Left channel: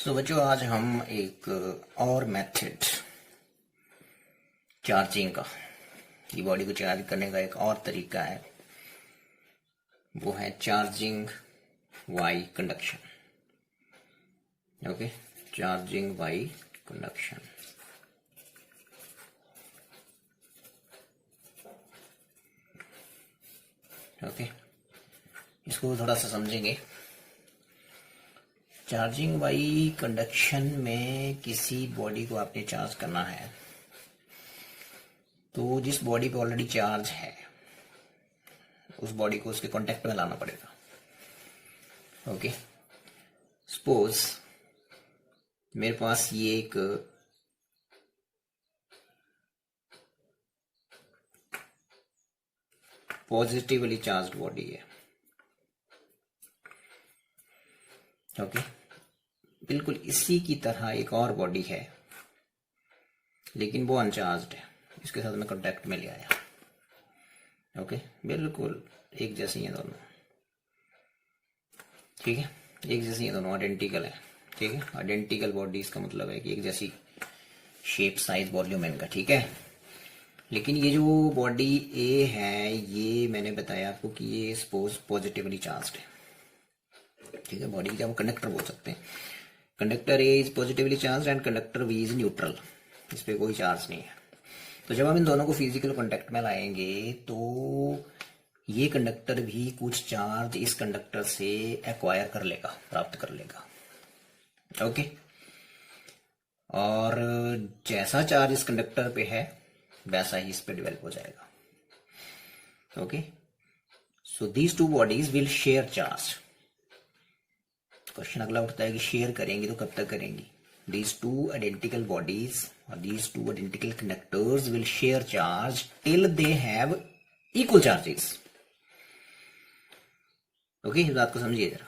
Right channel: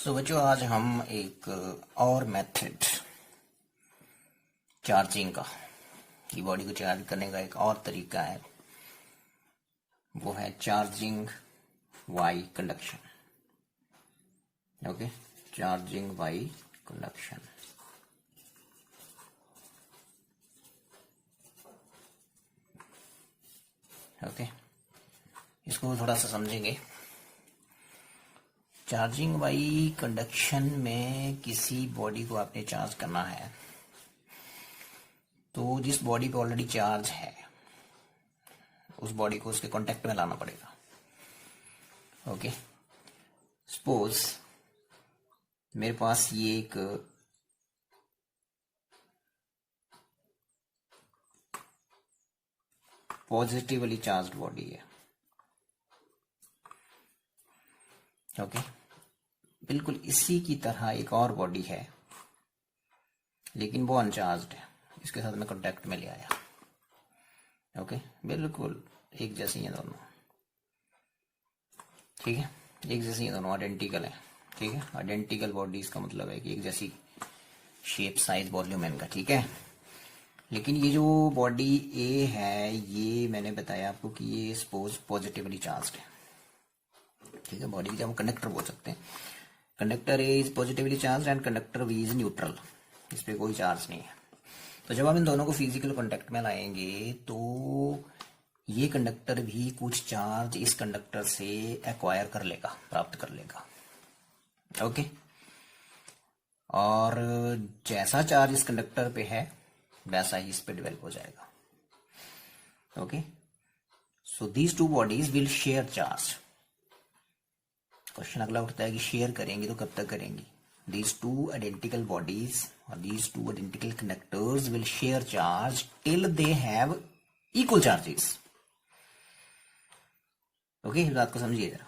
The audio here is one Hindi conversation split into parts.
बच्चों आज हम एक और मेथड चार्जिंग का, ये बॉडी को चार्ज करने का एक और तरीका है, वो है charging by conduction. Okay, charging by conduction. Okay, इसको थोड़ा सा समझेंगे। चार्जिंग बाय कंडक्शन में किसी बॉडी को आपने चार्ज करना है, तो जिस बॉडी पे ऑलरेडी चार्ज है उस बॉडी को उसके कांटेक्ट में लाना पड़ेगा। ओके, सपोज मेरे पास ये एक पॉजिटिवली चार्ज्ड बॉडी है। ओके, बिल्कुल इसी की तरह एक और बॉडी है, लेकिन वो अनचार्ज्ड है। इसके साथ मैं कांटेक्ट में ले आया। ओके, बिल्कुल एक जैसी है दोनों। ठीक है, एक जैसी है दोनों, आइडेंटिकल है। ठीक है, आइडेंटिकल बॉडीज का मतलब है कि एक जैसी शेप, साइज, वॉल्यूम इनका। ठीक है, लेकिन ये जो बॉडी ए है, ये मैंने बताया आपको कि ये सपोज पॉजिटिवली चार्ज्ड है। ठीक है, बॉडी का हम कंडक्टर बोल सकते हैं। Conductor A is positively charge and conductor B is neutral. इस पे कोई चार्ज नहीं है। तो जब हम इन दोनों को फिजिकल कांटेक्ट में लाएंगे तो ये कंडक्टर भी कुछ चार्ज इस कंडक्टर से एक्वायर कर लेगा, प्राप्त कर लेगा। ओके, और जैसा चार्ज इस कंडक्टर पे है वैसा ही इस पे डेवलप हो जाएगा। Okay, so these two bodies will share charge. Question अगला उठता है कि शेयर करेंगे तो कब तक करेंगी। These two identical bodies or these two identical conductors will share charge till they have equal charges. Okay, इस बात को समझिए जरा।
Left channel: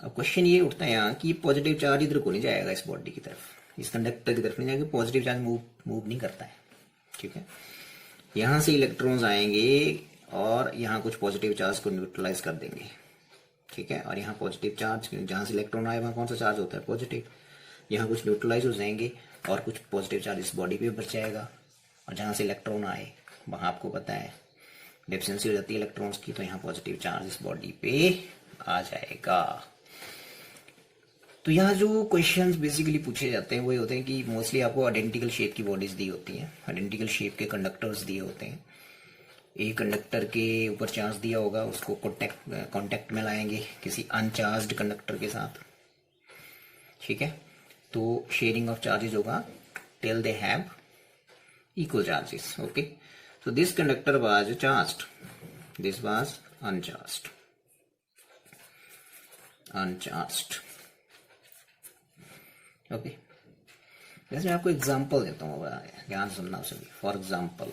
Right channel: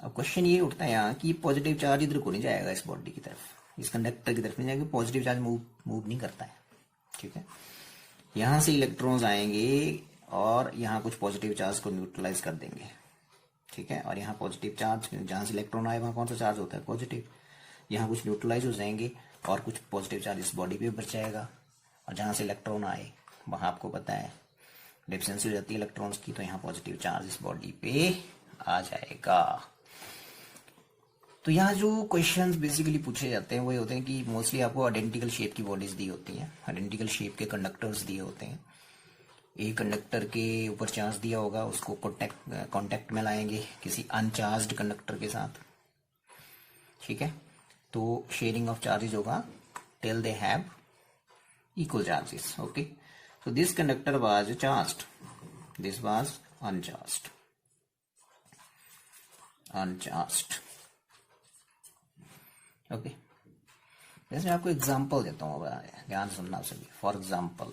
अब क्वेश्चन ये उठता है यहाँ कि पॉजिटिव चार्ज इधर को नहीं जाएगा, इस बॉडी की तरफ, इस कंडक्टर की तरफ नहीं जाएगा। पॉजिटिव चार्ज मूव नहीं करता है। ठीक है, यहां से इलेक्ट्रॉन्स आएंगे और यहाँ कुछ पॉजिटिव चार्ज को न्यूट्रलाइज कर देंगे। ठीक है, और यहाँ पॉजिटिव चार्ज, जहां से इलेक्ट्रॉन आए वहां कौन सा चार्ज होता है, पॉजिटिव। यहाँ कुछ न्यूट्रलाइज हो जाएंगे और कुछ पॉजिटिव चार्ज इस बॉडी पे बच जाएगा। और जहां से इलेक्ट्रॉन आए वहां आपको पता है डेफिशिएंसी हो जाती है इलेक्ट्रॉन्स की, तो यहाँ पॉजिटिव चार्ज इस बॉडी पे आ जाएगा। तो यहाँ जो क्वेश्चंस बेसिकली पूछे जाते हैं वो ये होते हैं कि मोस्टली आपको आइडेंटिकल शेप की बॉडीज दी होती हैं, आइडेंटिकल शेप के कंडक्टर्स दिए होते हैं। एक कंडक्टर के ऊपर चार्ज दिया होगा, उसको कांटेक्ट में लाएंगे किसी अनचार्ज्ड कंडक्टर के साथ। ठीक है, तो शेयरिंग ऑफ चार्जेस होगा till they have equal charges. Okay, so this conductor was charged, this was uncharged. Okay, जैसे आपको एग्जांपल देता हूँ, ध्यान सुनना सभी। फॉर एग्जांपल,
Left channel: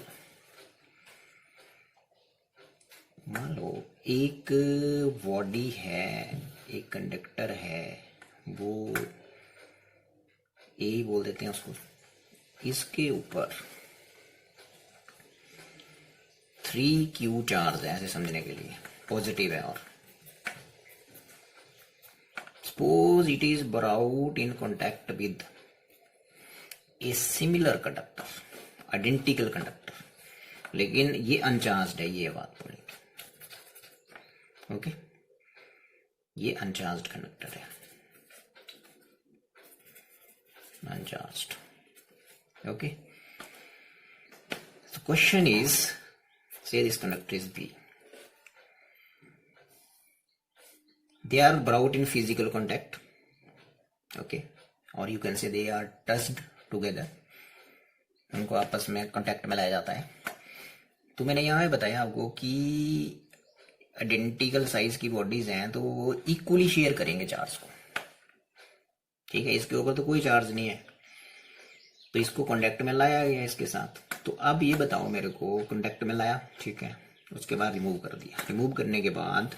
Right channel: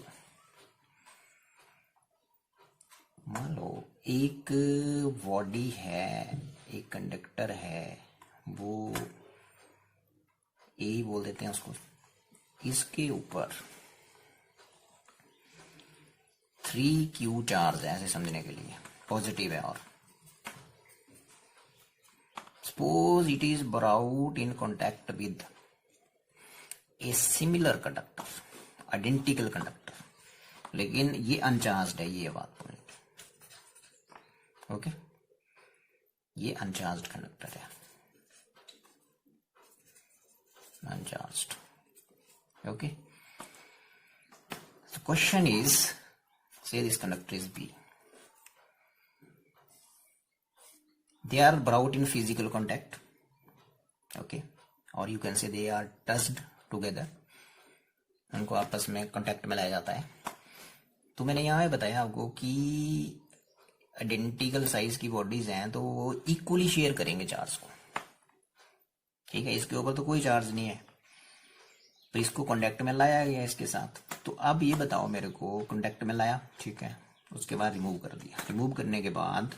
मान लो एक बॉडी है, एक कंडक्टर है, वो ए बोल देते हैं उसको। इसके ऊपर 3Q चार्ज है, ऐसे समझने के लिए पॉजिटिव है। और suppose it is brought in contact with a similar conductor, identical conductor, लेकिन ये अनचार्ज्ड है। ये बात बोलेंगे। ओके, ये अनचार्ज्ड कंडक्टर है, uncharged. Okay, so question is, say this conductor is B. They are brought in physical contact. Okay, or you can say they are touched together. उनको आपस में कांटेक्ट में लाया जाता है। तो मैंने यहाँ बताया आपको कि आइडेंटिकल साइज की बॉडीज हैं तो वो इक्वली शेयर करेंगे चार्ज को। ठीक है, इसके ऊपर तो कोई चार्ज नहीं है, तो इसको कांटेक्ट में लाया गया इसके साथ। तो अब ये बताओ मेरे को, कांटेक्ट में लाया, ठीक है, उसके बाद रिमूव कर दिया। रिमूव करने के बाद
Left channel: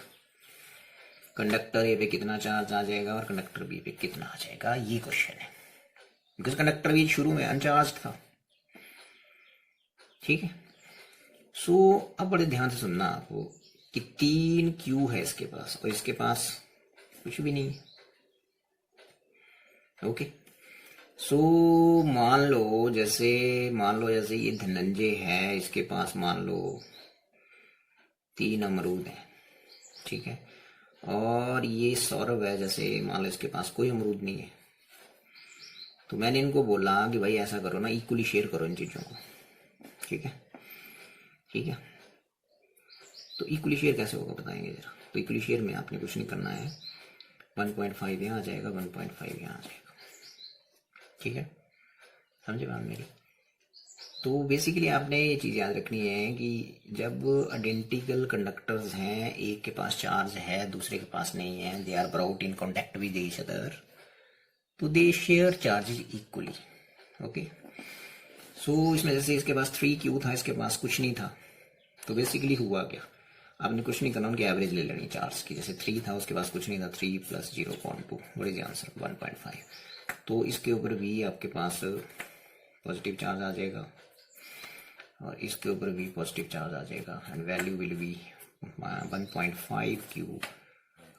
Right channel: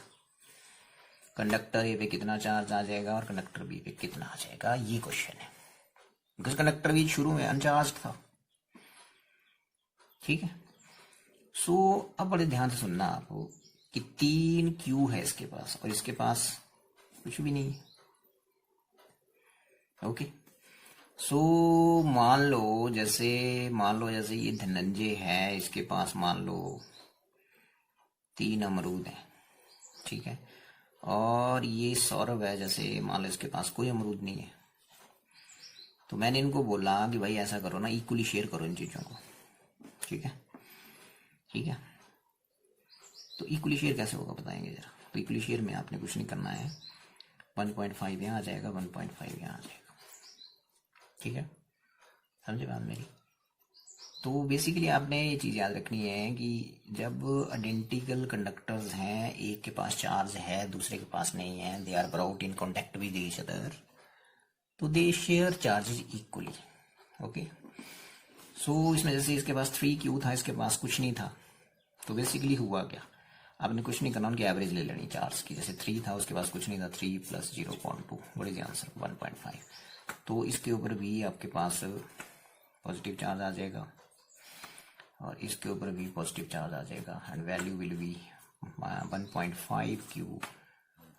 कंडक्टर ए पे कितना चार्ज आ जाएगा और कंडक्टर बी पे कितना आ जाएगा, ये क्वेश्चन है। बिकॉज कंडक्टर बी शुरू में अनचार्ज था। ठीक है, सो अब बड़े ध्यान से सुनना आपको कि 3Q है इसके पास और इसके पास कुछ भी नहीं है। ओके। सो मान लो जैसे ये धनंजय है, इसके पास मान लो 3 अमरूद है, ठीक है। और ये सौरभ है, जैसे मान लो इसके पास कोई अमरूद नहीं है। तो मैंने इनको बोला कि भाई ऐसा करो ना, इक्वली शेयर करो इन चीज़ों को, ठीक है। ठीक है, तो इक्वली शेयर कैसे होगा बताएंगे जरा। तो इक्वली शेयर में आपने कुछ नहीं करना है, 1.5 यहाँ आ जाएगा, 1.5 यहाँ आ जाएगा, ठीक है, समझे बात मेरी। तो बेसिकली आपने ये चीज़ याद रखनी है कि जब आइडेंटिकल कंडक्टर्स हैं, एक के पास चार्ज है दूसरे के पास नहीं है, they are brought in contact with each other, तो they share charges equally. Okay, so इसमें जैसे इसके पास 3Q था, इसके पास कुछ नहीं था, तो बेसिकली हुआ क्या, आपने कुछ नहीं करना, उनकी एवरेज ले लेनी चार्ज की। जैसे 3 था, उसके पास कुछ नहीं था, 3 + 0.2, व्हाट इज आंसर 1.5। तो इसके ऊपर भी आपके पास पॉजिटिव चार्ज आ जाएगा और इसके ऊपर भी पॉजिटिव चार्ज आ जाएगा, and value will be 1.5Q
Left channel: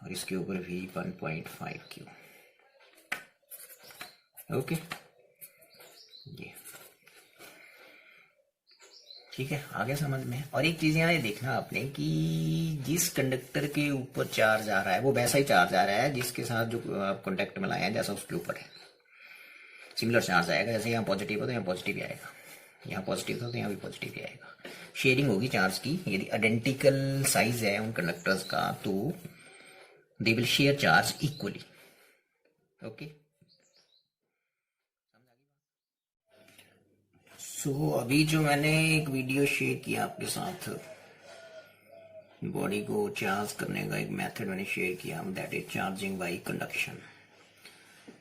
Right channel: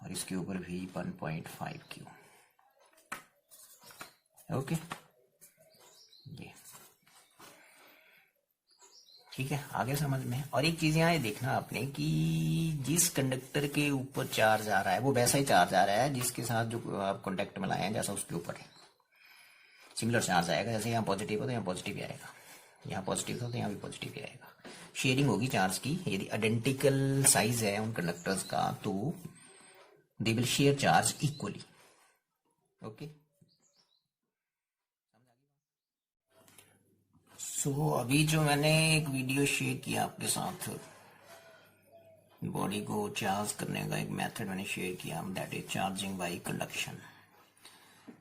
और इसके ऊपर भी 1.5Q। ओके, ये ठीक है, आगे समझ में। और एक चीज यहाँ ये देखना आपने कि जिस कंडक्टर के ऊपर चार्ज आ रहा है वो वैसा ही चार्ज आ रहा है जिसके साथ जो आप कॉन्टेक्ट में लाए हैं, जैसा उसके ऊपर है सिमिलर चार्ज आएगा। जैसे यहाँ पॉजिटिव हो तो यहाँ पॉजिटिव ही आएगा, यहाँ पॉजिटिव था तो यहाँ भी पॉजिटिव ही आएगा। शेयरिंग होगी चार्ज की। यदि आइडेंटिकल साइज है उन कंडक्टर्स का तो they will share charge equally. Okay, so अभी जो मैंने एक वीडियो शेयर किया आपके साथ, बॉडी को चार्ज करने का एक मेथड मैंने शेयर किया, that is charging by conduction.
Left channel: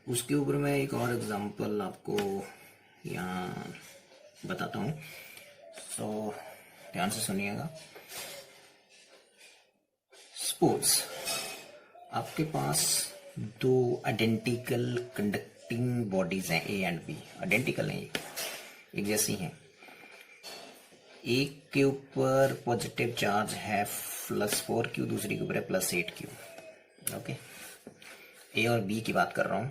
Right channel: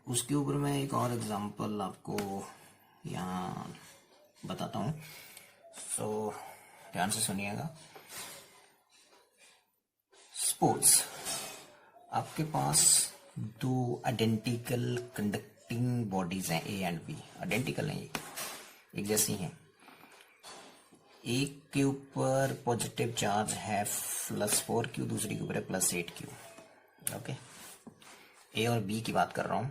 उसके ऊपर मैं एक और एग्जांपल आपको यहाँ बताता हूँ, सो ध्यान से सुनिएगा। सपोज आपके पास 2 आइडेंटिकल कंडक्टिंग बॉडीज हैं, ए एंड बी, आइडेंटिकल हैं, एक जैसी हैं। एक के ऊपर पॉजिटिव चार्ज है +4Q, दूसरी के ऊपर है +8Q। ओके, ए और बी की बात कर रहा हूं।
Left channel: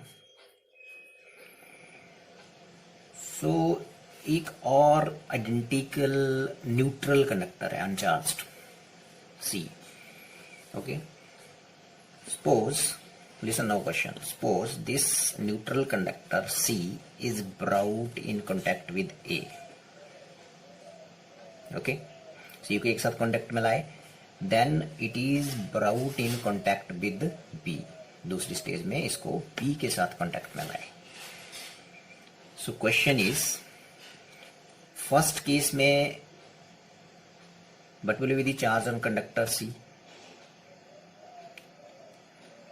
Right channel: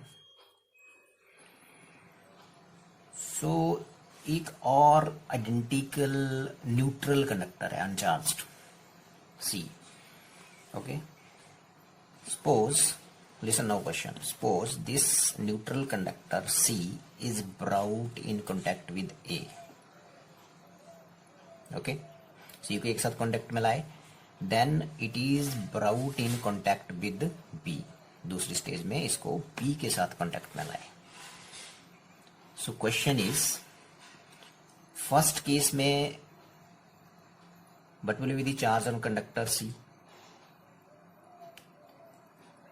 सो एक और आइडेंटिकल न्यूट्रल कंडक्टर है uncharged, C। Okay, suppose, listen now question, suppose this neutral conductor C is brought in contact with A। Okay, C को एक साथ कॉन्टेक्ट में लाए, then it is brought in contact with B। दूसरी स्टेज में इसको B के साथ कॉन्टेक्ट में लाए। So question is, first case में what will be the charge on conductor C,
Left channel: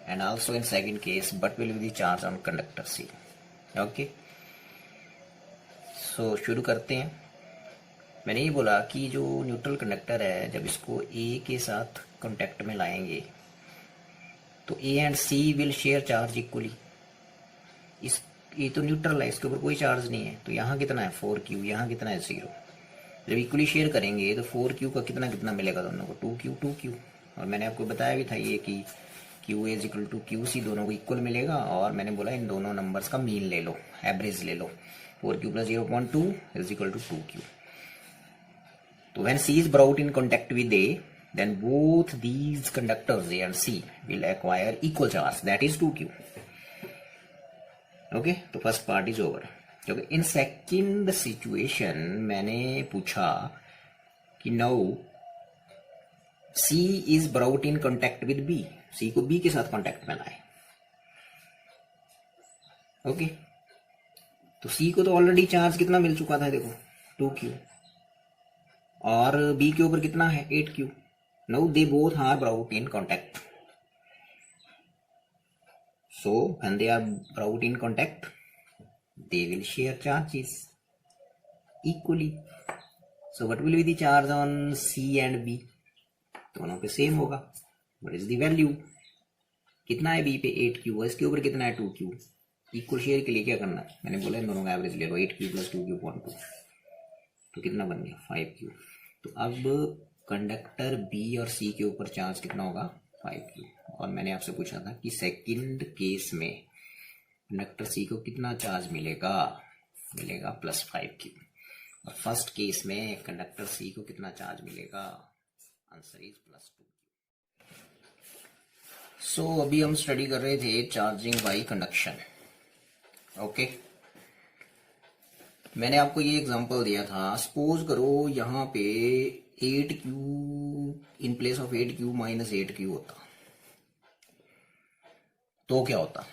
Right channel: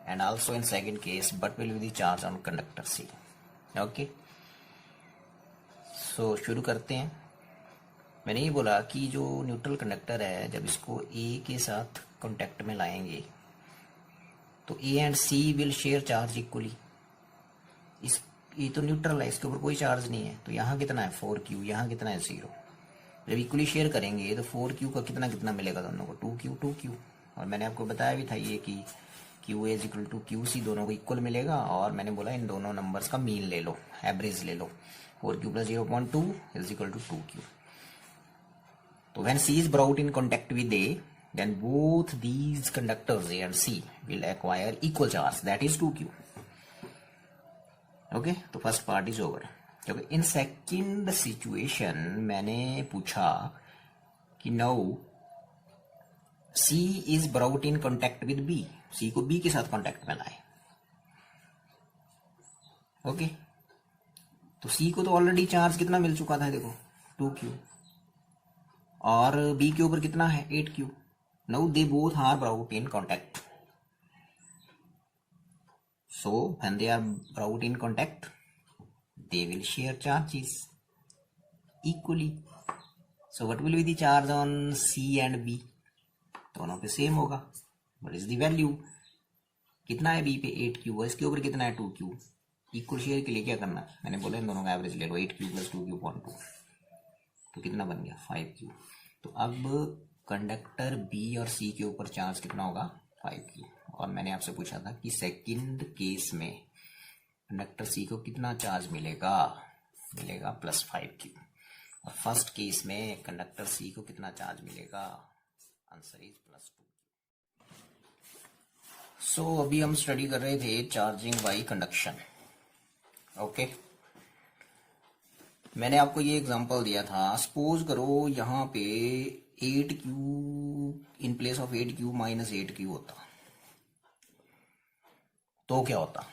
and also in second case what will be the charge on conductor C। Okay, so शुरू करते हैं। मैंने ये बोला कि जो न्यूट्रल कंडक्टर है, जब इसको A के साथ कांटेक्ट में लाएंगे तो A and C will share charge equally. इस ये तो न्यूट्रल है, इसके ऊपर कोई चार्ज नहीं है, तो यहाँ कितना है 4Q, यहाँ कितना है 0। जब इक्वली शेयर करेंगे तो 4Q का कितना कितना मिलेगा दोनों को, 2Q। और मैंने आपको बताया भी था ये कि Q is equal to QC, दोनों को इक्वल मिलेगा। और मैंने बोला इन दोनों नंबर्स का मीन ले लो, एवरेज ले लो, 4Q + 0.2 is equal to 2Q। तो when C is brought in contact with A, then both these conductors A and C will acquire equal charge, that is 2Q। Okay, तो फर्स्ट पार्ट इज ओवर। क्योंकि इन सेकंड सिचुएशन मैंने पूछा कि now C is brought in contact with B, C को B के साथ कांटेक्ट में लाए। ओके, तो C को तो ऑलरेडी चार्ज कितना मिल चुका था, देखो 2Q, और B के ऊपर कितना है 8Q। Now they both are brought in contact, so when they are brought in contact they will share charges equally. So what will be the charge on C and B, दोनों पे सेम होगा। व्हाट इज द वैल्यू, कितना है B पे 8Q, इसके ऊपर कितना है 2Q। इक्वल शेयर के लिए क्या करना, मैंने बोला इन दोनों का एवरेज ले लो, 8Q + 2Q/2, तो कितना बन गया 5Q। तो अब कंडक्टर B और C के ऊपर चार्ज कितना होगा 5Q। और मैंने आपसे पूछा था कि सेकंड केस में कंडक्टर सी को कितना चार्ज मिलेगा, मिलेगा +5Q। और फर्स्ट केस में कंडक्टर सी को कितना चार्ज मिलेगा, आंसर इज +2Q। सो अभी हम स्टडी कर रहे थे चार्जिंग बाय कंडक्शन। ओके, मैंने आपको ये एग्जांपल दिया था, सपोज करो यहाँ पे 8Q in place of 8Q minus 8Q होता तो क्या होता,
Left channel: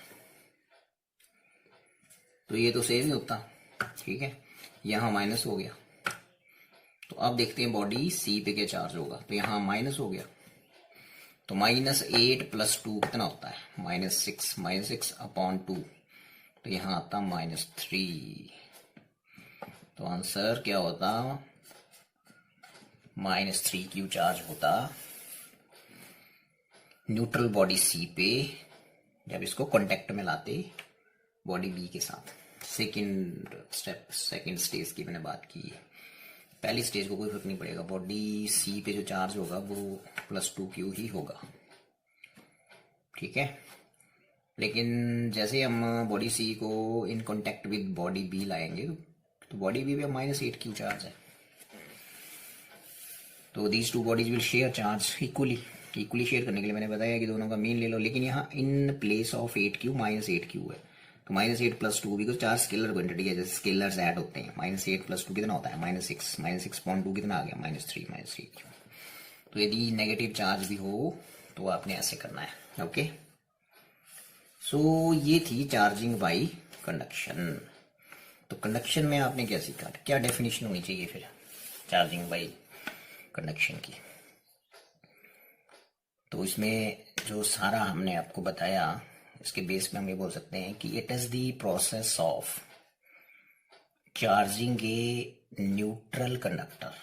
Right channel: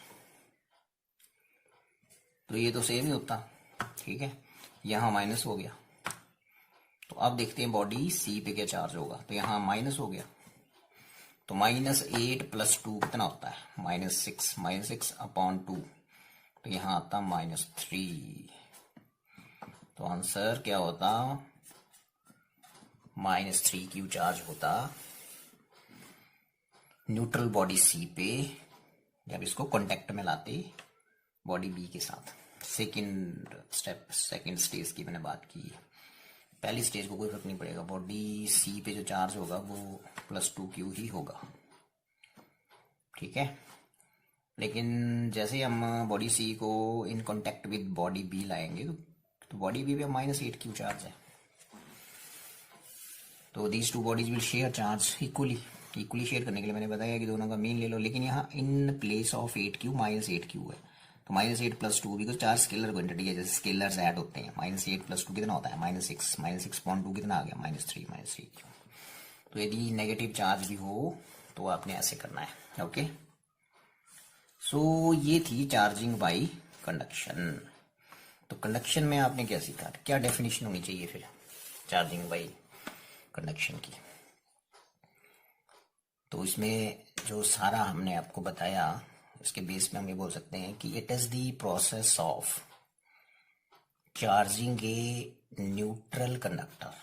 तो ये तो सेम ही होता, ठीक है, यहाँ माइनस हो गया। तो अब देखते हैं बॉडी सी पे क्या चार्ज होगा, तो यहाँ माइनस हो गया, तो -8 + 2 कितना होता है, -6, -6/2, तो यहाँ आता -3, तो आंसर क्या होता, -3Q चार्ज होता न्यूट्रल बॉडी सी पे जब इसको कांटेक्ट में लाते बॉडी बी के साथ। सेकंड स्टेप, सेकंड स्टेज की मैंने बात की है, पहली स्टेज को कोई फर्क नहीं पड़ेगा, बॉडी सी पे जो चार्ज होगा वो +2Q ही होगा, ठीक है। लेकिन जैसे हम बॉडी सी को in contact with body B लाएंगे तो बॉडी बी पे -8Q चार्ज है, तो these two bodies will share charge equally share करने के लिए मैंने बताया कि दोनों का मीन ले लो। लेकिन यहाँ in place of 8Q -8Q है, तो -8 + 2, बिकॉज चार्ज स्केलर क्वांटिटी है, जैसे स्केलर्स ऐड होते हैं, -8 + 2 कितना होता है, -6, -6/2 कितना आ गया, -3 तो यदि नेगेटिव चार्ज भी हो तो आपने ऐसे करना है। ओके, सो ये थी चार्जिंग बाय कंडक्शन। तो कंडक्शन में आपने क्या सीखा, क्या डेफिनेशन होनी चाहिए फिर चार्जिंग बाय कंडक्शन की, तो इसमें जो सारा हमने आपको बताया इसके बेस में हम ये बोल सकते हैं कि it is the process of charging a neutral conductor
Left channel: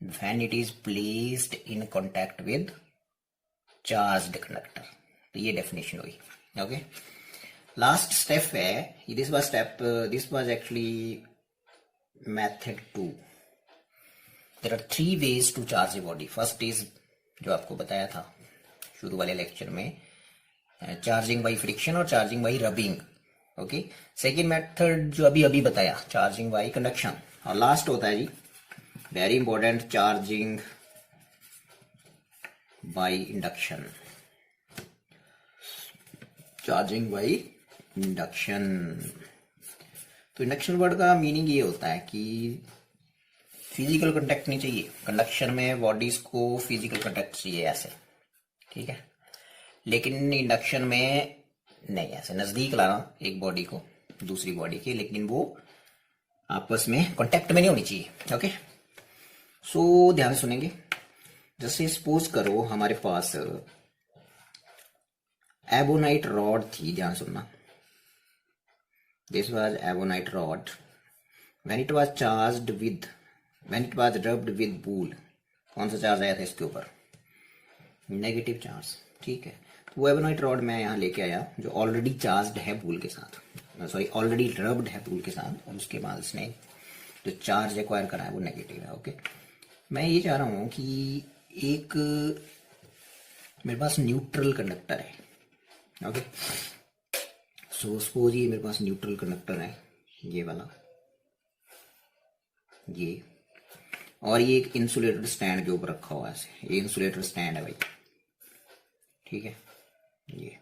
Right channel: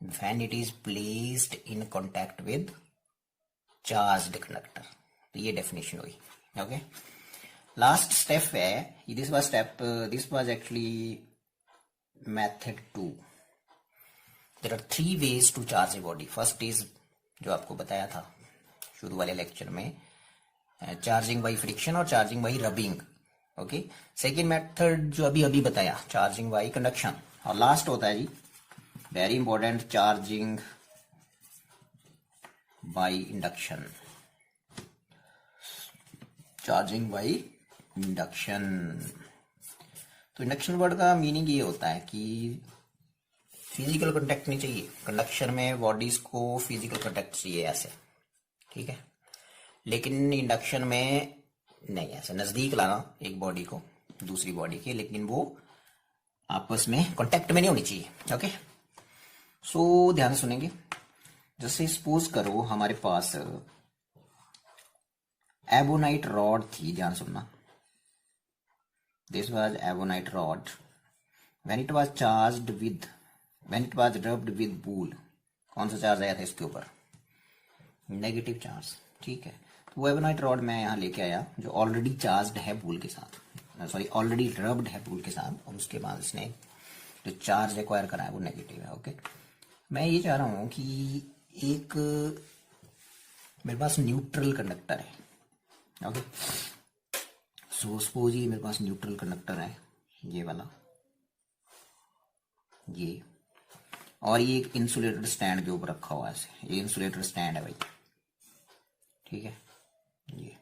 when it is placed in contact with charged conductor. तो ये डेफिनेशन हुई। ओके, लास्ट स्टेप है, this was actually method 2। There are 3 ways to charge a body. First is जो आपको बताया था शुरू वाले लेक्चर में, चार्जिंग बाय फ्रिक्शन और charging by rubbing. Okay, second method जो अभी बताया, चार्जिंग बाय कंडक्शन। और लास्ट होता है जी very important, charging by induction. Charging by induction, तो इंडक्शन वर्ड का मीनिंग ये होता है कि फिजिकल कांटेक्ट नहीं चाहिए कंडक्शन में, बॉडीज को फिजिकल कांटेक्ट चाहिए ऐसे, ठीक है। लेकिन इंडक्शन में नहीं, ऐसे नजदीक लाना एक बॉडी को दूसरी बॉडी के, लेकिन वो आपस में कांटेक्ट में नहीं होनी चाहिए। ओके, सो ध्यान से सुनेंगे। जैसे सपोज करो हमारे पास एबोनाइट रॉड थी, ध्यान सुनना, this was ebonite rod when it was charged with, when it was rubbed with wool, कौन सा चार्ज आया था इसके ऊपर, नेगेटिव चार्ज, ठीक है। तो वो एबोनाइट रॉड मैं यहाँ लेके आया जो ऑलरेडी चार्ज्ड है वूल के साथ, सॉरी ऑलरेडी रब्ड है वूल के साथ, और उसके बाद उसने जो चार्ज एक्वायर करा है वो नेगेटिव है। ओके, मैं ये चाह रहा हूँ कि एक मेरे पास न्यूट्रल कंडक्टर है। ओके, सो सपोज ये मेरे पास न्यूट्रल कंडक्टर है, ये वाला, ये, और ये एक इंसुलेटेड स्टैंड के ऊपर रखा हुआ है ऐसे, ये इंसुलेटेड स्टैंड है भाई, ठीक है। ये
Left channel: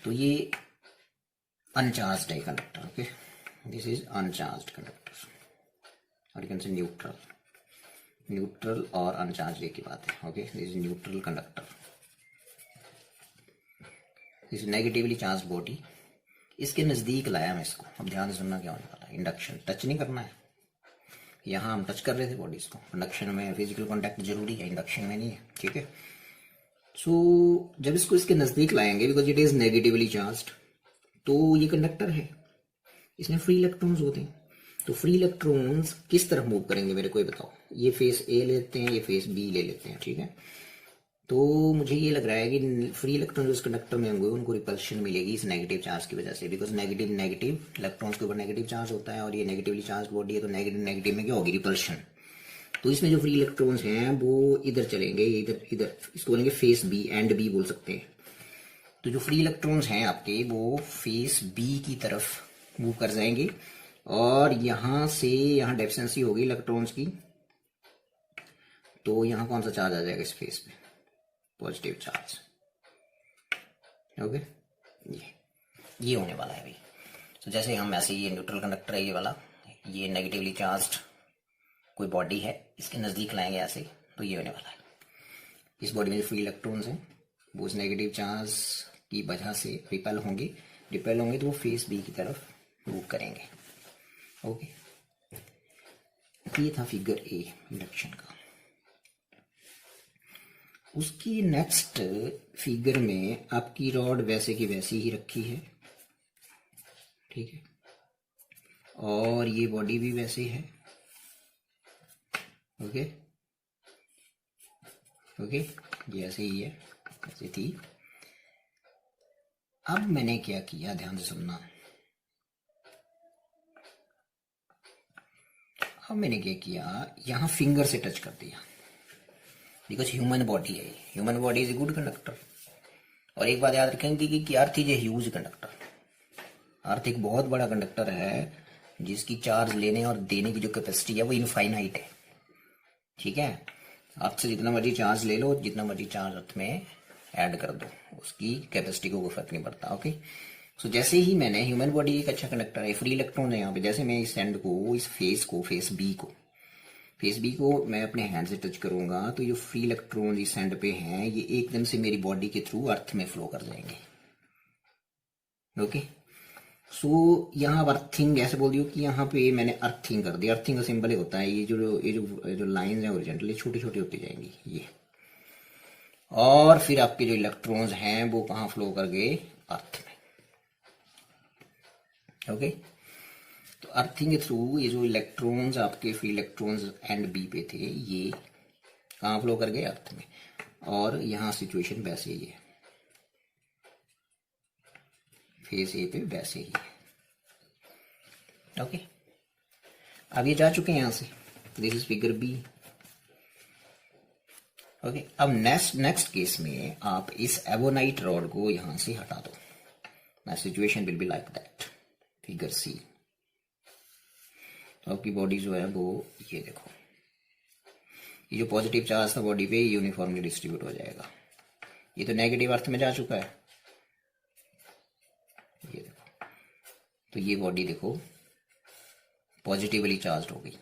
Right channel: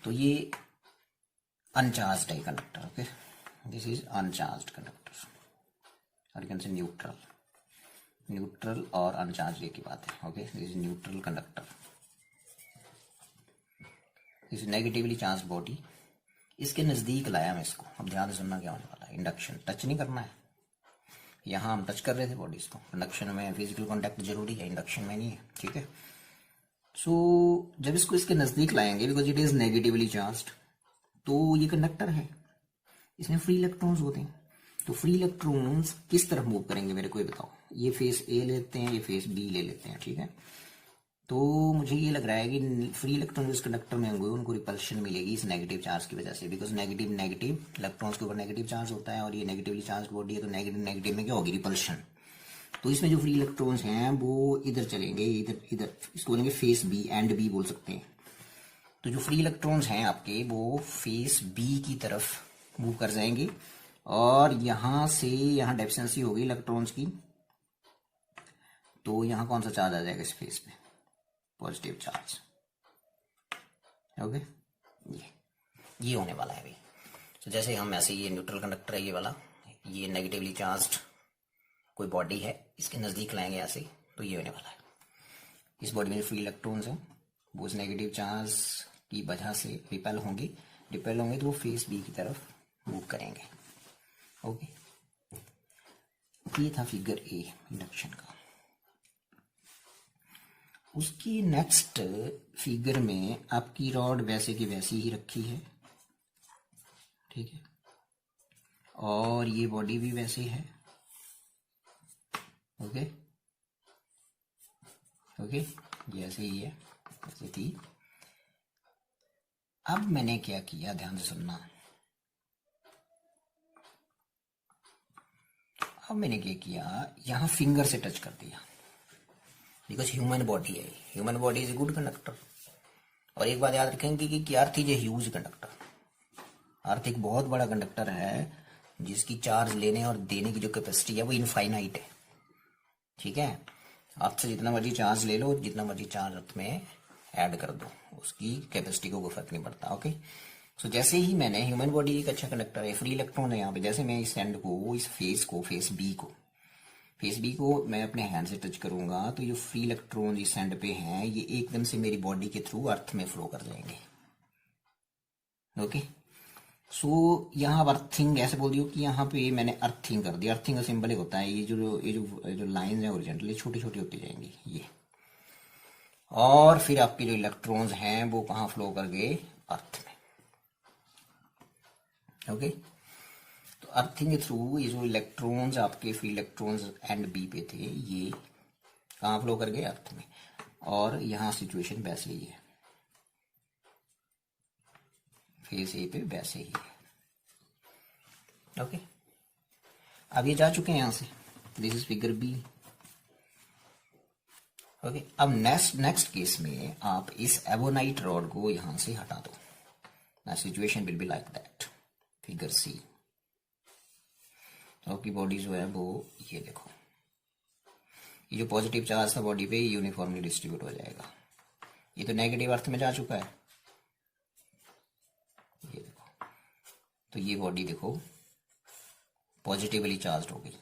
तो ये अनचार्ज्ड है conductor. Okay, this is uncharged conductor, और यू कैन से न्यूट्रल और अनचार्ज एक ही बात है। Okay, this is neutral conductor, this is negatively charged body. इसके नजदीक लाया मैं इसको, अब ध्यान से सुनना क्या होने वाला है। इंडक्शन टच नहीं करना है, यहाँ हम टच कर रहे थे बॉडीज को, इंडक्शन में फिजिकल कांटेक्ट जरूरी है, इंडक्शन में नहीं है, ठीक है। सो जब इसको इसके नजदीक लाएंगे, because it is negatively charged, तो ये कंडक्टर है, इसमें फ्री इलेक्ट्रॉन्स होते हैं, तो फ्री इलेक्ट्रॉन्स किस तरफ मूव करेंगे मेरे को ये बताओ। ये फेस ए लेते हैं, ये फेस बी ले लेते हैं, ठीक है। तो मुझे ये लग रहा है कि फ्री इलेक्ट्रॉन जो इस कंडक्टर में होंगे उनको रिपल्शन मिलेगी इस नेगेटिव चार्ज की वजह से, बिकॉज नेगेटिव इलेक्ट्रॉन्स के ऊपर नेगेटिव चार्ज होता है, और ये नेगेटिवली चार्ज बॉडी है, तो नेगेटिव में क्या होगी, रिपल्शन। तो इसमें जो फ्री इलेक्ट्रॉन्स हैं वो इधर चलेंगे, इधर इसको बोलेंगे फेस बी, एंड बी बोल सकते हैं। तो जो फ्री इलेक्ट्रॉन्स हैं आपके वो फेस बी की तरफ मूव कर जाएंगे, और यहां से यहां डेफिशिएंसी होगी इलेक्ट्रॉन्स की, तो यहां कौन सा चार्ज आ जाएगा इस फेस पे? Positive charge. ओके, ये होने वाला है भाई। तो जैसे हम ऐसे, ये न्यूट्रल कंडक्टर है ये वाला, ये नेगेटिवली चार्ज्ड कोई बॉडी है, इसके नजदीक लाएंगे ऐसे, तो ये होने वाला है। इस बॉडी में फ्री इलेक्ट्रॉन्स हैं, वो उस नेगेटिव चार्ज की वजह से रिपेल होंगे तो वो फेस बी की तरफ मूव करेंगे। ओके, ये था फिगर ए इंडक्शन का। उसकी नेक्स्ट फिगर में आपकी रॉड वैसे की वैसी ही रखी है, ठीक है, और ये बॉडी भी वैसे है। ओके ओके, ये ऐसे ही है, ऐसे थी। अब मैंने क्या किया, ध्यान से सुनना। अब मैंने क्या किया, यहां फिंगर से टच कर दिया, बिकॉज ह्यूमन बॉडी है, human body is a good conductor. और एक बात याद रखेंगे कि earth is a huge conductor. Earth एक बहुत बड़ा कंडक्टर है जिसकी चार्ज लेने और देने की जो कैपेसिटी है वो इनफाइनाइट है, ठीक है। अर्थ से जितना मर्जी चार्ज ले लो, जितना मर्जी चार्ज अर्थ में ऐड कर दो, उसकी कैपेसिटी को कोई फर्क नहीं पड़ता। ओके, सो जैसे ही मैंने, ह्यूमन बॉडी एक अच्छा कंडक्टर है, फ्री इलेक्ट्रॉन है यहाँ पे, जैसे मैं इस एंड को, इस फेस बी को मैं अपने हैंड से टच करूंगा, तो ये फ्री इलेक्ट्रॉन इस एंड पे हैं, ये एकदम से मेरी बॉडी के थ्रू अर्थ में फ्लो कर जाएंगे। ओके, सो यहाँ अर्थिंग ऐसे बोल दियो कि यहाँ पे मैंने अर्थिंग कर दी। अर्थिंग का सिंबल ही होता है, ये जो लाइंस हैं ओरिजेंटली छोटी छोटी होती जाएंगी ये, और फिर आपके जो इलेक्ट्रॉन्स हैं वो कहाँ फ्लो कर गए? अर्थ में। ओके, तो अर्थिंग के थ्रू ये जो इलेक्ट्रॉन्स आपके फ्री इलेक्ट्रॉन्स एंड बी पे थे, ये कहाँ फ्लो कर गए? अर्थ में। और यहाँ सिचुएशन वैसे ही है, फेस ए पे वैसे ही है। ओके, अब ये जा चुके हैं यहां से, this is figure B. Okay, अब नेक्स्ट केस में आप इस एवोनाइट रॉड को यहां से हटा दो। ना situation will be like that, figure C. तो आपकी बॉडी जो है वो ये देखो, ये जो पॉजिटिव चार्ज था बॉडी पे यूनिफॉर्मली डिस्ट्रीब्यूट हो जाएगा। ये तो नेगेटिव अर्थ में जा चुका है, ये देखो, तो ये बॉडी देखो पॉजिटिवली चार्ज हो गई।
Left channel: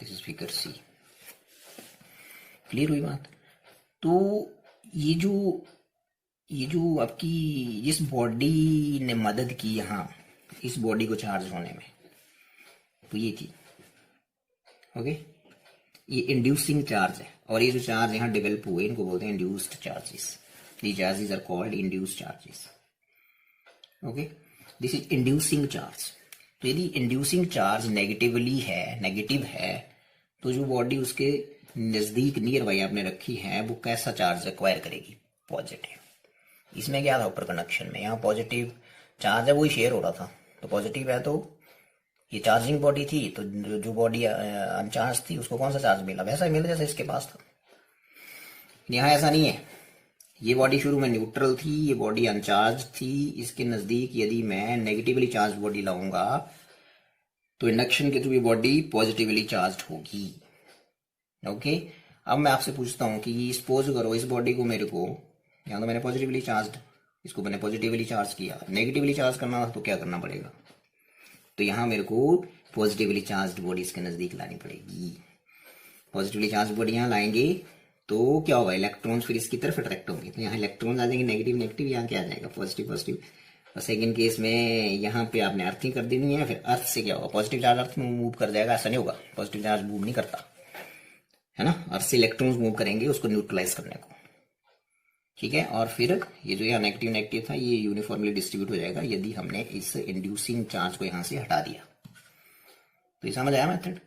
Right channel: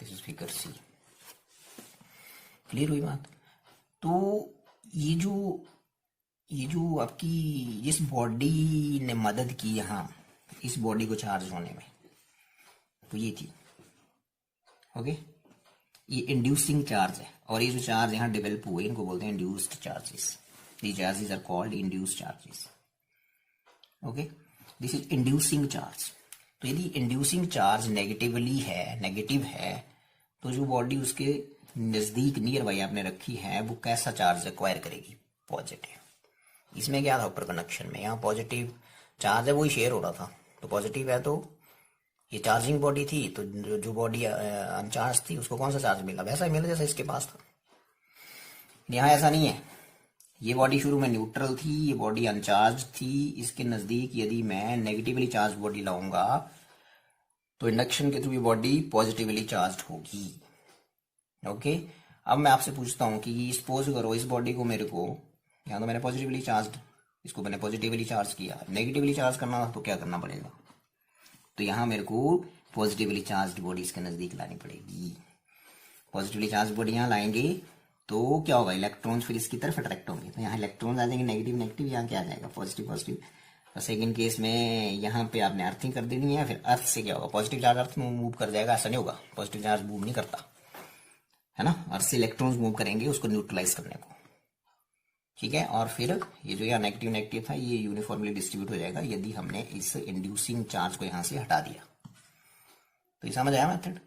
This is figure C. Clear हुई बात? तो ये जो आपकी जिस बॉडी ने मदद की यहाँ इस बॉडी को चार्ज होने में, तो ये थी। ओके, ये इंड्यूसिंग चार्ज है, और ये जो चार्ज यहाँ डेवलप हुए इनको बोलते हैं induced charges. These charges are called induced charges. Okay, this is inducing charge. तो यदि इंड्यूसिंग चार्ज नेगेटिव है, तो जो बॉडी उसके नजदीक नियर बाई आपने रखी है वो कैसा चार्ज एक्वायर करेगी? पॉजिटिव। इसमें क्या था ऊपर कनेक्शन में, यहाँ पॉजिटिव चार्ज है वही शेयर हो रहा था, तो पॉजिटिव है, तो ये चार्जिंग बॉडी थी, तो जो बॉडी अनचार्ज थी उसको कौन सा चार्ज मिला? वैसा ही मिला जैसे इसके पास था। यहाँ ऐसा नहीं है, ये बॉडी शुरू में न्यूट्रल थी, ये बॉडी अनचार्ज थी, इसके नजदीक यदि मैं नेगेटिवली चार्ज बॉडी लाऊंगा तो इंडक्शन के थ्रू ये बॉडी पॉजिटिवली चार्ज होगी। ओके, अब मैं आपसे पूछता हूं कि सपोज करो इस बॉडी को, मेरे को यहाँ तो मैंने पॉजिटिवली चार्ज, इसको मैंने पॉजिटिवली चार्ज किया, नेगेटिवली चार्ज करना था तो क्या करना पड़ेगा? तो यहाँ मेरे को पॉजिटिवली चार्ज बॉडी इसके नजदीक लानी पड़ेगी। पॉजिटिवली चार्ज बॉडी यहाँ लाएंगे तो क्या होगा? इलेक्ट्रॉन्स फिर इसकी तरफ अट्रैक्ट होंगे, तो यहाँ इलेक्ट्रॉन्स आ जाएंगे नेगेटिव, यहाँ क्या आ जाएगा? पॉजिटिव। और सेकंड केस में यहाँ पे आपने अर्थिंग कर देनी है, फिर अर्थ से क्या होगा? पॉजिटिव चार्ज अर्थ में मूव कर जाएगा, ऐसा नहीं होगा, पॉजिटिव चार्ज मूव नहीं करता है ना, अर्थ से इलेक्ट्रॉन्स मूव करेंगे उसको न्यूट्रलाइज करने को, ठीक है। और फिर ये जो यहाँ नेगेटिव था ये यूनिफॉर्मली डिस्ट्रीब्यूट हो जाएगा यदि हमने इस इंड्यूसिंग चार्ज को यहाँ से हटा दिया। तो ये समझ आया मेथड?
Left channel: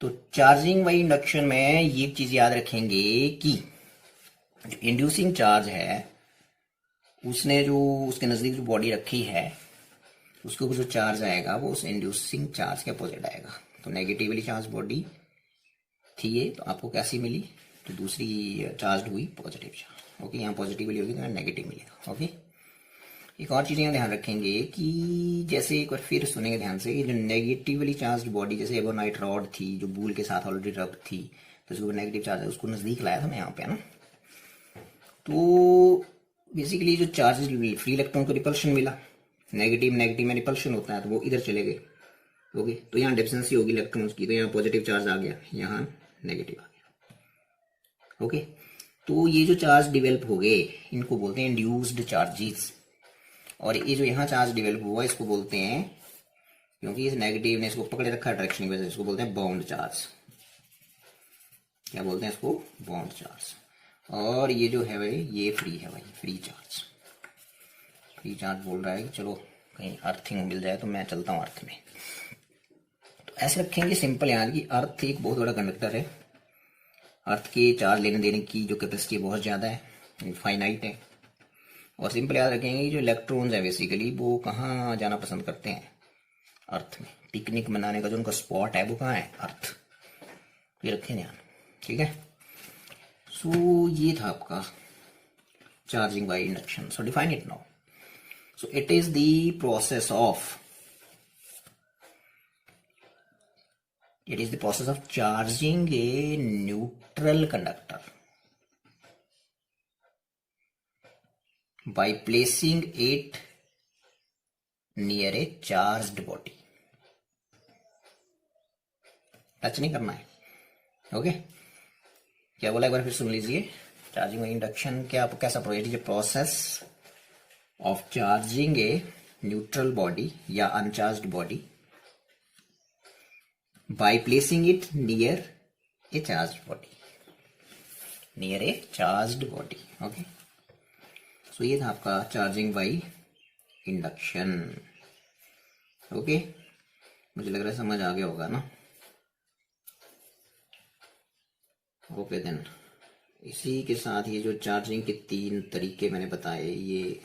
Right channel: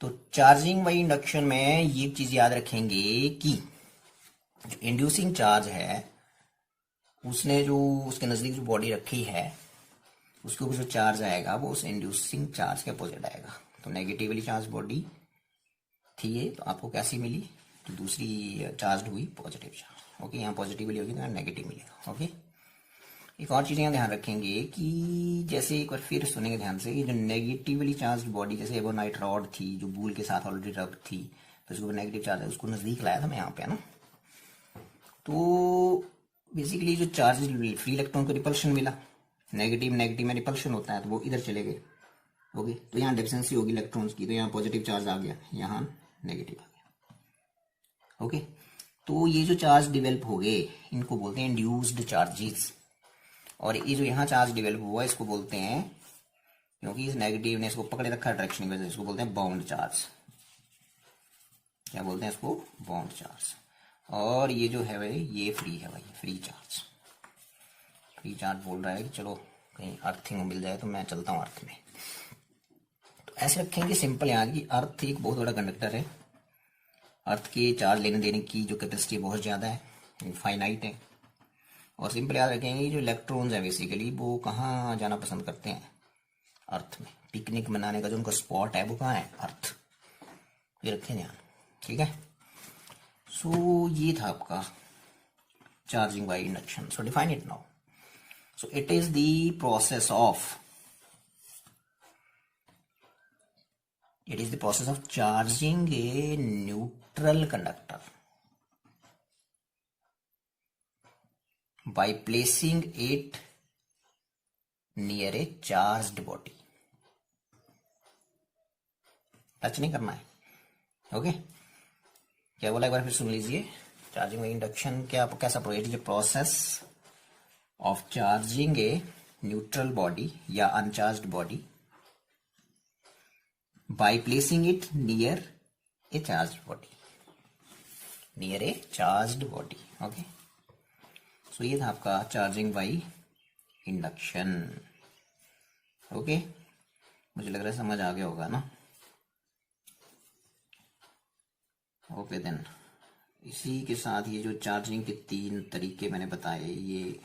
तो चार्जिंग बाई इंडक्शन में ये चीज याद रखेंगे कि जो इंड्यूसिंग चार्ज है उसने जो उसके नजदीक जो बॉडी रखी है उसके ऊपर जो चार्ज आएगा वो उस इंड्यूसिंग चार्ज के अपोजिट आएगा। तो नेगेटिवली चार्ज बॉडी थी ये, तो आपको कैसी मिली? तो दूसरी चार्ज हुई पॉजिटिव चार्ज। ओके, यहाँ पॉजिटिवली होगी तो यहाँ नेगेटिव मिलेगा। ओके, एक और चीज़ यहाँ ध्यान रखेंगे कि जैसे एक बार फिर सुनेंगे ध्यान से, जो नेगेटिवली चार्ज बॉडी जैसे एबोनाइट रॉड थी जो बूल के साथ ऑलरेडी रब थी, तो इसको नेगेटिव चार्ज है उसको नज़दीक लाया था मैं यहाँ पे, है ना। तो बेसिकली जो चार्ज फ्री इलेक्ट्रॉन को रिपल्शन मिला, नेगेटिव नेगेटिव में रिपल्शन होता है, तो वो इधर चले गए। ओके, तो यहाँ डेफिशिएंसी होगी इलेक्ट्रॉन्स की, तो यहाँ पॉजिटिव चार्ज आ गया, यहाँ नेगेटिव आ गया। ओके, तो ये जो चार्ज डिवेल्प हो गए इनको बोलते हैं इंड्यूस्ड चार्जेस, और ये जो यहाँ चार्ज डिवेल्प हुआ इसको बोलते हैं, क्योंकि इस नेगेटिव ने इसको पकड़े रखा डायरेक्शन की वजह से, इसको बोलते हैं बाउंड चार्ज। क्या बोलते हैं इसको? Bound charge. और ये जो है भाई ये फ्री है भाई, फ्री चार्ज। फ्री चार्ज बोल रहा है कि चलो कहीं अर्थिंग मिल जाए तो मैं चलता हूँ अर्थ में। तो ऐसे रखेंगे सिंपल यार कि अर्थ एक बहुत बड़ा कंडक्टर है, अर्थ के चार्ज लेने देने की जो कैपेसिटी बहुत ज़्यादा है, फाइनाइट है। और सिंपल याद रखेंगे जो इलेक्ट्रॉन्स है बेसिकली वो कहाँ जाना पसंद करते हैं? अर्थ में। पिकनिक मनाने का जो उनका स्पॉट है वो कहाँ है? अर्थ। ये रखें ध्यान, ठीक है। सो ये था आपका charging by induction. So define it now. So it is the process of charging a neutral conductor by placing it near a charged body। Touch नहीं करना है। ओके, क्या बोला एक बार फिर सुन लीजिए। चार्जिंग बाय इंडक्शन क्या कैसा process of charging a neutral body या uncharged body by placing it near a charged body, near a charged body। Okay, so ये था आपका चार्जिंग बाय इंडक्शन। ओके, मुझे लग रहा है समझ आ गया होगा ना। ओके देन, इसी के साथ ये जो चार्जिंग के 3 तरीके मैंने बताए ये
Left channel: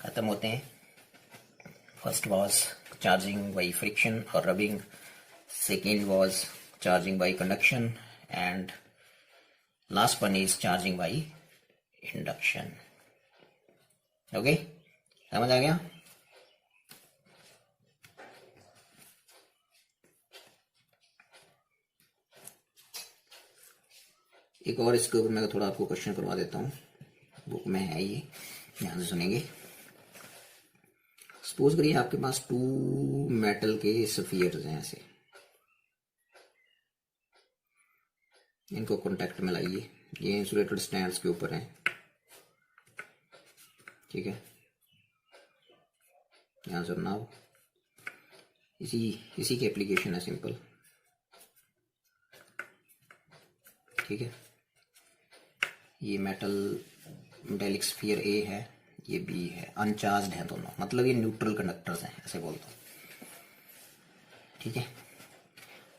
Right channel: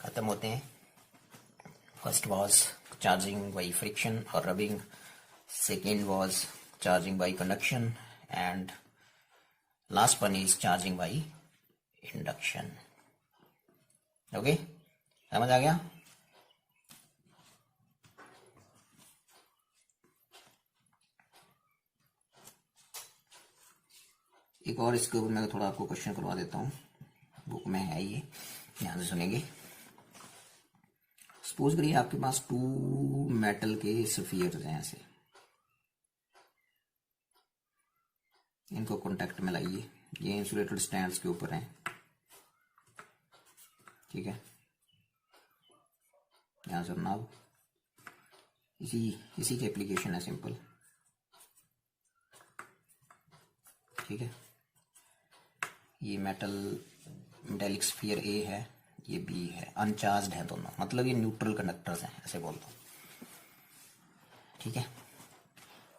खत्म होते हैं। First was charging by friction और rubbing, second was charging by conduction, and last one is charging by induction. Okay, समझ आ गया? एक और इसके ऊपर मैं थोड़ा आपको क्वेश्चन करवा देता हूँ, बुक में है ये, ध्यान से सुनेंगे। सपोज करिए आपके पास 2 मेटल के स्फीयर्स हैं ऐसे, इनको कांटेक्ट में लाइए, ये इंसुलेटेड स्टैंड्स के ऊपर हैं, ठीक है। यहाँ से नाउ इसी की एप्लीकेशन है सिंपल, ठीक है। ये मेटेलिक स्फीयर ए है, ये बी है, अनचार्ज्ड है दोनों, मतलब ये न्यूट्रल कंडक्टर्स हैं ऐसे बोलता हूँ, ठीक है।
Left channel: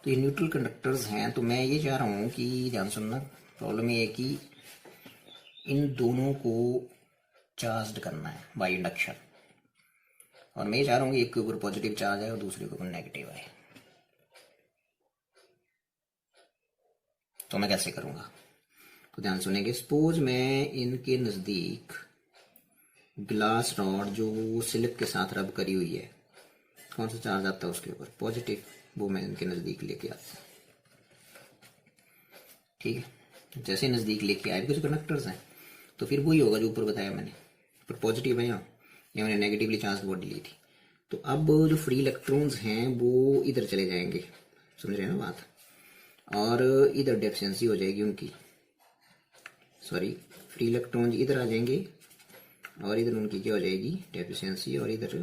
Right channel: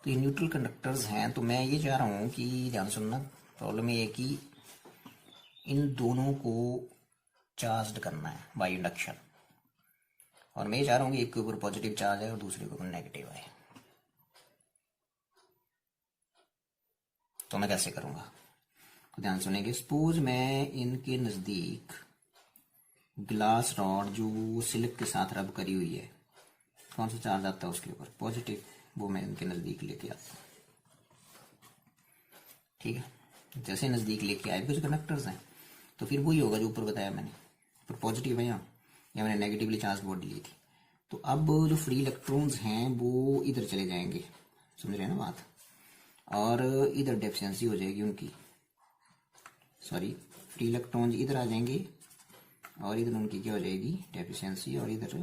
तो ये न्यूट्रल कंडक्टर्स हैं, तो मैं ये चाह रहा हूँ कि ध्यान सुनना, प्रॉब्लम ये है कि इन दोनों को चार्ज करना है बाय इंडक्शन, और मैं ये चाह रहा हूँ कि एक के ऊपर पॉजिटिव चार्ज है और दूसरे के ऊपर नेगेटिव है। तो मैं कैसे करूँगा? तो ध्यान सुनेंगे। सपोज मैं इनके नज़दीक ग्लास रॉड जो स्लिप के साथ रब करी हुई है, कौन सा चार्ज आता है उसके ऊपर? पॉजिटिव। वो मैं इनके नज़दीक लेके आता हूँ, ठीक है। जैसे नज़दीक लेके आए कुछ कंडक्टर्स हैं, तो फिर वही होगा जो ऊपर बताया मैंने, पर पॉजिटिव है यहाँ, या मैंने नेगेटिवली चार्ज बॉडी ली थी। तो अब जो फ्री इलेक्ट्रॉन्स हैं वो इधर चले जाएंगे, समझ रहे हैं ना बात, और इधर डेफिशिएंसी हो जाएगी उनकी, सॉरी फ्री इलेक्ट्रॉन्स इधर आ जाएंगे और इधर उनकी क्या हो जाएगी? डेफिशिएंसी, और इधर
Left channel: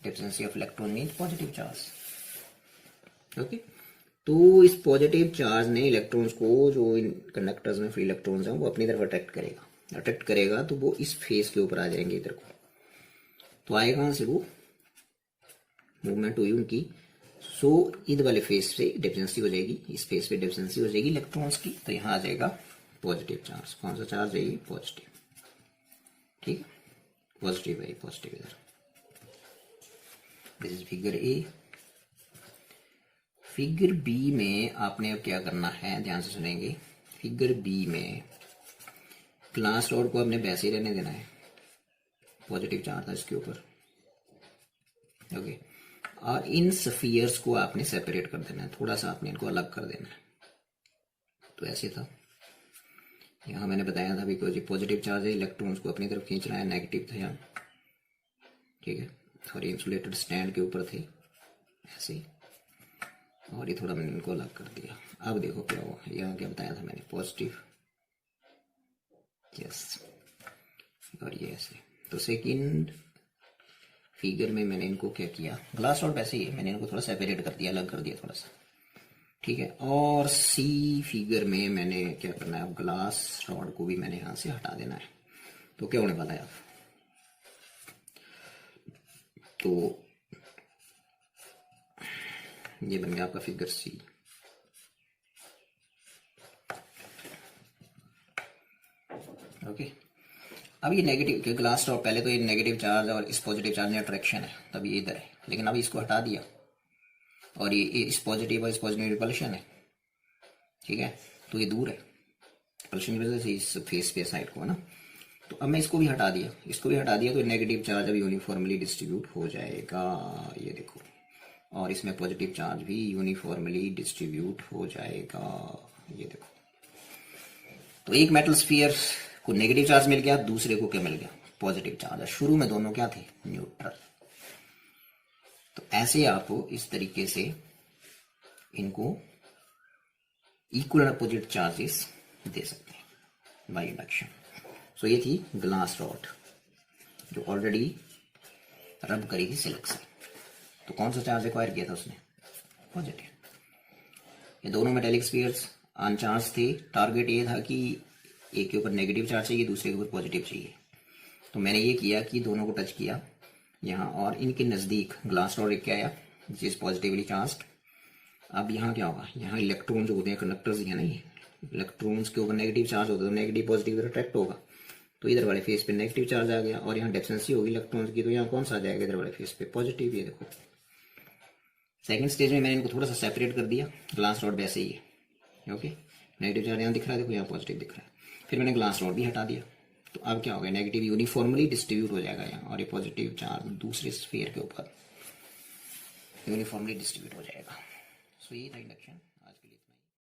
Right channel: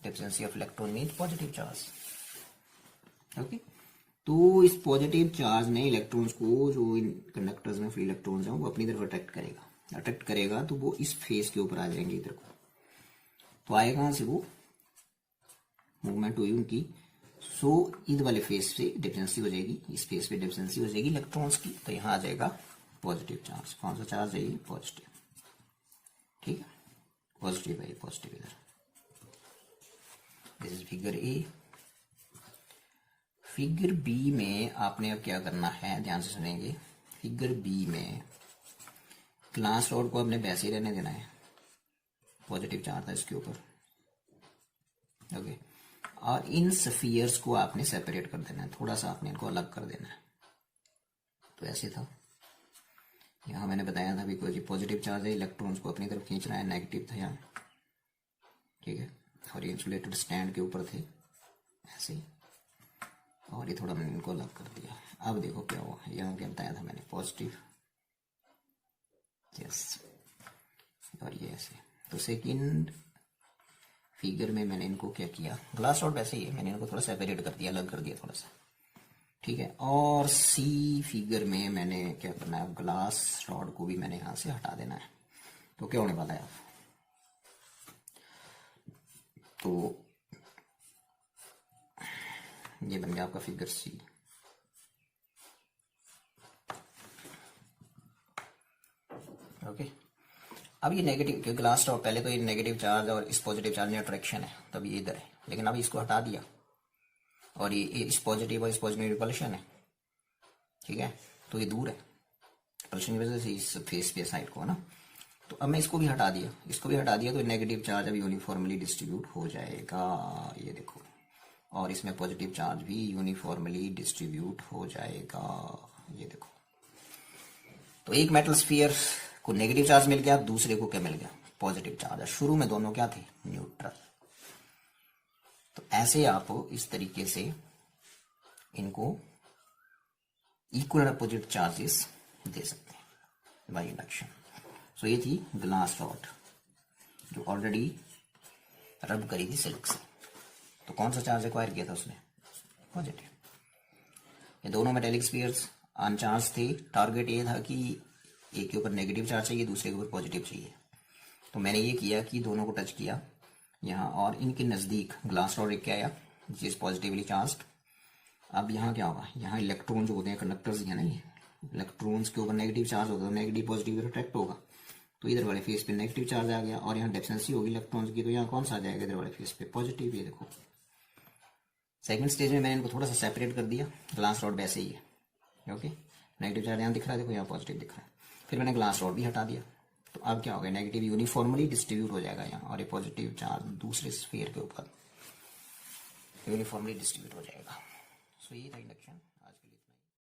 deficiency of electron means positive charge. Okay, तो इस पॉजिटिव चार्ज ने इलेक्ट्रॉन्स को, जो इन कंडक्टर्स में फ्री इलेक्ट्रॉन्स हैं, वो अपनी तरफ अट्रैक्ट करेगा, तो वो इस फेस के ऊपर आ जाएंगे इधर को। तो आएगा कहाँ से? वो मूवमेंट हुई उनकी, सो इधर वाले फेस से डेफिशिएंसी हो जाएगी, इस फेस पे डेफिशिएंसी हो जाएगी इलेक्ट्रॉन्स की, तो यहाँ आ जाएगा पॉजिटिव चार्ज। कौन सा चार्ज है ये? पॉजिटिव, ठीक है, पॉजिटिव है, पॉजिटिव इधर। This is figure A. Figure B में आपने अब क्या करना है, ध्यान से सुनेंगे। फिगर बी में ग्लास रॉड को हमने वैसे ही रहने देना है, पॉजिटिव चार्ज था इसके ऊपर, ओके। और इन स्फीयर्स को आपने सेपरेट कर देना है, थोड़ा सा आपने इनको अलग कर देना है। तो ऐसे था, यहाँ मैंने बताया था बिकॉज ये पॉजिटिव चार्ज है, इलेक्ट्रॉन्स को अपनी तरफ खींच रहा है, नेगेटिव था यहाँ, ठीक है। और ये इंसुलेटेड स्टैंड के ऊपर थे ऐसे, और ये थोड़ा मैंने इनको अलग कर दिया। अब देखो क्या हुआ, यहाँ क्या बताया था मैंने, पॉजिटिव, यस, और ये ऐसे। तो सेकंड फिगर में मैंने इनको क्या किया, ग्लास रॉड वैसे ही है, मैंने इनको थोड़ा सेपरेट कर दिया, अलग कर दिया थोड़ा सा, ठीक है। और सी फिगर में मैंने क्या करना है, अब ग्लास रॉड को भी मैंने यहाँ से हटा देना है। तो क्या होने वाला है अब, तो ये बन गया आपका फिगर सी, ओके। अब ये नेगेटिव ग्लास रॉड, पहले तो ये नेगेटिव चार्ज और इस पॉजिटिव चार्ज में अट्रैक्शन है, तब ये इधर है, लेकिन अब इसको हटा दिया और ये इस पॉजिटिव और इस पॉजिटिव रिपल्शन है, ठीक है। तो ये दूर है रिपल्शन की वजह से इस फेस पे साइड को ना। तो अब मैं इसको भी हटा दिया, इसको भी हटा दिया, तो नेगेटिव चार्ज अब यूनिफॉर्मली डिस्ट्रीब्यूट हो जाएगा, ये देखो। और इसमें पॉजिटिव चार्ज भी यूनिफॉर्मली डिस्ट्रीब्यूट हो जाएगा, ये देखो। तो एक मेटल स्फीयर को नेगेटिव चार्ज मिल गया, दूसरे को क्या मिल गया, पॉजिटिव चार्ज। शुरू में दोनों क्या थे, न्यूट्रल। तो ऐसे आप इस तरीके से इनको इक्वल अपोजिट चार्जेस दे सकते हैं बाय इंडक्शन। सो ये थी ग्लास रॉड जो ऑलरेडी रब करी थी सिल्क से। तो कौन सा चार्ज एक्वायर किया था उसने, पॉजिटिव। ये दोनों मेटेलिक स्फीयर्स अनचार्ज थे। टारगेट ये था कि एक के ऊपर नेगेटिव चार्ज चाहिए, दूसरे के ऊपर पॉजिटिव चाहिए। तो मैंने ये किया कि दोनों को टच किया यहाँ, और इनके नज़दीक ग्लास रॉड एक आया विच इज पॉजिटिवली चार्ज्ड। अब यहाँ क्या होगा, यहाँ इलेक्ट्रॉन जो होते हैं कंडक्टर्स ही है ना, ये इलेक्ट्रॉन्स के ऊपर नेगेटिव चार्ज होता है, तो नेगेटिव पॉजिटिव अट्रैक्ट होगा। तो इधर वाले फेस पे नेगेटिव चार्ज आ गया, और यहाँ डेफिनेंसी होगी इलेक्ट्रॉन्स की, तो यहाँ कौन सा आ जाएगा, इधर वाले फेस पे पॉजिटिव। ये देखो सेकंड स्टेज में मैंने इनको थोड़ा सा सेपरेट कर दिया, ग्लास रॉड वैसे ही है, ओके। नेगेटिव चार्ज यहाँ दिख रहा है, देखो यहाँ पॉजिटिव दिख रहा है। फिर मैंने ग्लास रॉड भी हटा दिया, तो अब क्या होगा, नेगेटिव यूनिफॉर्मली डिस्ट्रीब्यूट हो जाएगा यहाँ, और ये पॉजिटिव चार्ज दूसरे स्फीयर के ऊपर यूनिफॉर्मली डिस्ट्रीब्यूट हो जाएगा। सो ये था इंडक्शन।